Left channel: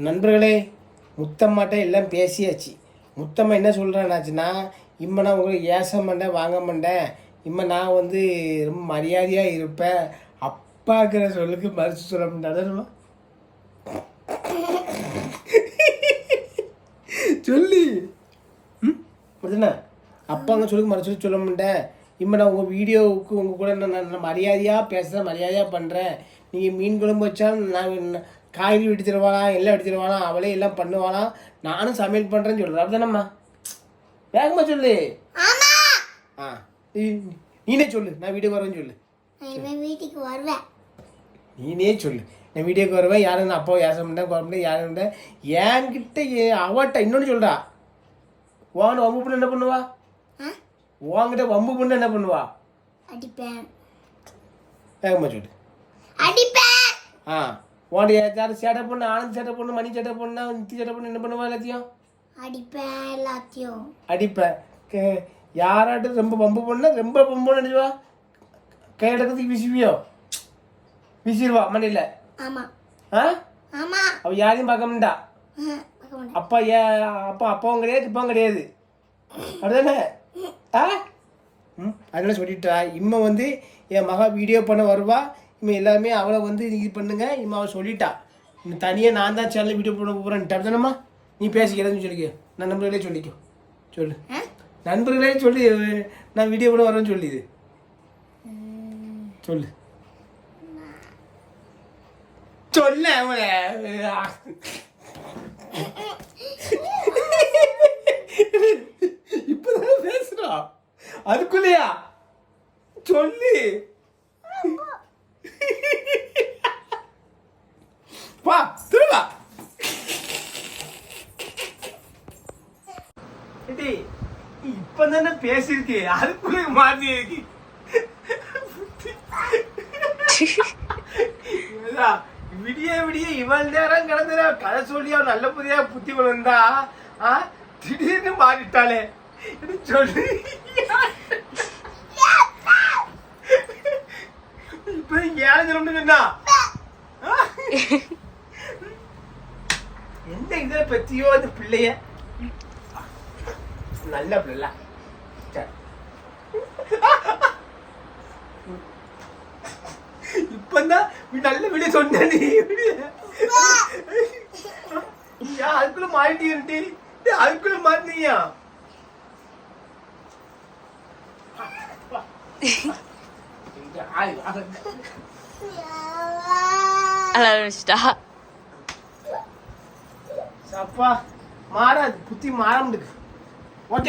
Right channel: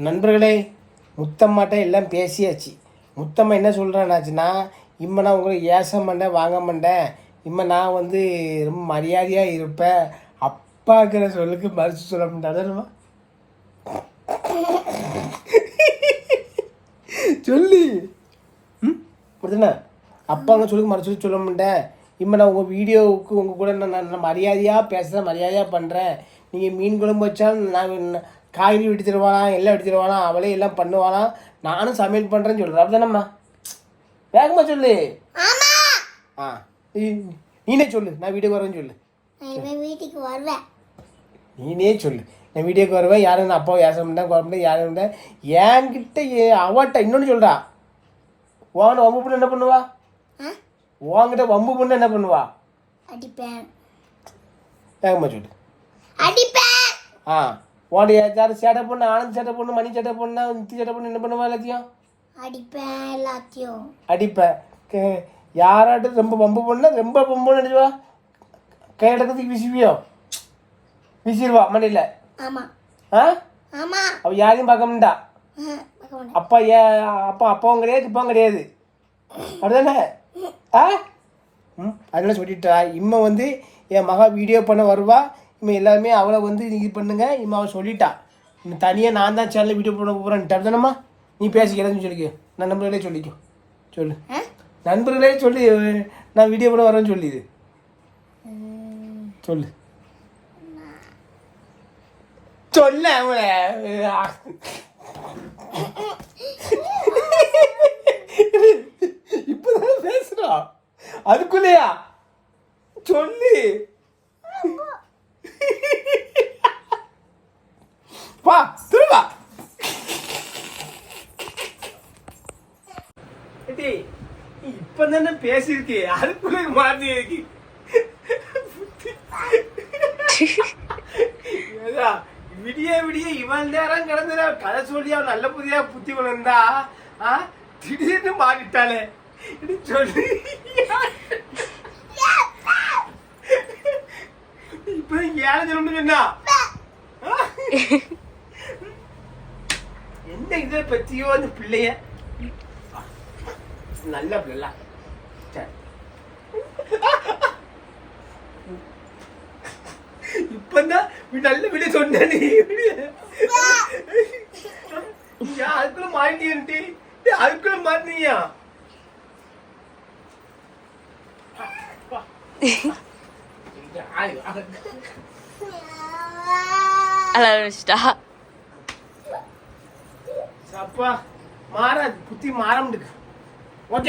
நண்பர்களே முத்தம்மாட்ட எல்லாம் பேசியாச்சு. முத்தம்மா என்ன சொல்கிறானாச்சுன்னா இம்மா நான் உங்களுக்கு ஏச மாட்டேன் வாங்க மாட்டேன். இம்மா நான் வந்து ரொம்ப மரியாதையாக இருப்பேன். அப்பாங்கிற சொல்லுக்கு மறுத்து சொல்ல மாட்டேன். சொல்லி. ம்? அப்படிதானே? அப்பாங்க சொல்லுக்கு மறுச்சு சொல்ல மாட்டேன். இம்மா நான் உங்கள் வீடியோவுக்கு உங்கள் கூட நான் நான் மரியாதையாக பேசுகிறேன் மரியாதையாக பண்ணுறேன் நீங்கள் மீன் குழம்பு வச்சாலும் நான் காய்கறி வெட்டி எல்லாம் வெட்டி தருவானா அவளே எல்லாம் பண்ணுவானா. நானும் சமையல் பண்ணுறேன்னு சொல்கிறேன் அப்படிதானம்மா வேகமாக சொல்லு. ஆ நீ- நீனே சொல்லு. நான் வீடியோக்கு வரேன்னு சொல்லு. வீட்டுக்கு வருவேன். நீனே சொல்லு. நான் வீடியோக்கு வருவேன். யாரும் நான் அப்பாவை ஏச மாட்டேன் குழம்பு யாரும் மாட்டேன். என்கிட்ட அவட்ட இன்னொன்று சொல்கிறா உன்கிட்ட வம்பு பண்ண என்ன பண்ணுவா? ஆ? உன்கிட்ட வம்பு பண்ண என்ன பண்ணுவா? அடிப்பேன். வேகமாக சொல்லு. அடிப்பேன். ஆ. உன்கிட்ட யாரும் சேட்டை பொண்ணு ஆனந்த் சேட்டை பொண்ணு மணி சேட்டை பொண்ணு நித்தி சேட்டை பொண்ணு என்ன பண்ணுவா எல்லாத்தையும்? அடிப்பேன் எல்லாத்தையும். அடிப்பேன் யாராட்டும் ரொம்ப வம்பு பண்ணா ரொம்ப வம்பு நினைச்சுவா கையடக்கத்துக்கு விசிவியோ? விசிறுவா மண்ணில் ஆமா. ஆ? ஆமா. அவ யாரையும் பார்க்க மாட்டா. அப்பா ஏ அப்பா அப்பாவும் கிடையாது இப்பாவும் கிடையாது. அப்படிதானே? ஆ? ம் அதனால சொல்லிட்டா இம்மா வந்து என் மகா வீடியோ பண்ண வருவா இம்மா எல்லாமே அவளை வந்து இது பண்ணுங்க. இம்மா அவள் சொல்லிட்டா. இன்னும் தனியாக நான் தான் சேனல் வீடியோ பண்ண போகிறேன்ட்டு அப்படிதானம்மா நீ பேசிக்கிறேன்னு சொல்லிக்கோ. நான் நண்பர்களே சொல்லிக்கோ. சொல்லு? நண்பர்களே சொல்லி. நான் வீடியோ பண்ண வரேன்னு சொல்லி. இது ம், சொல்லு சொல்ல இப்பதான் பேசுறா. அதுக்குள்ளயா? சொல்லு. வா திரும்ப இப்பதானே பேசிருக்கு அதுக்குள்ள மாறி இருக்கு. விடிய விடிய இவள் நேரம் கிடந்துடா கதை சொல்லி அவன் நல்ல புதியா புத்தி வளர்ந்தா ஆ? திடீர்னு மாறிட்டாளே சொல்லு. இப்ப நீங்க ஏழை சொல்லணும்னு சொன்னா எந்த இதை பத்தியோ அந்த பிள்ளைய? நல்ல பிள்ளை. இப்பந்தான் நல்ல விட சொன்ன அதுக்குள்ள நீ அதுக்குள்ள மாட்டினியா? I love மாட்டியா stop. அப்பா மாறாது. புத்தி மாற முடியுது. ஓகே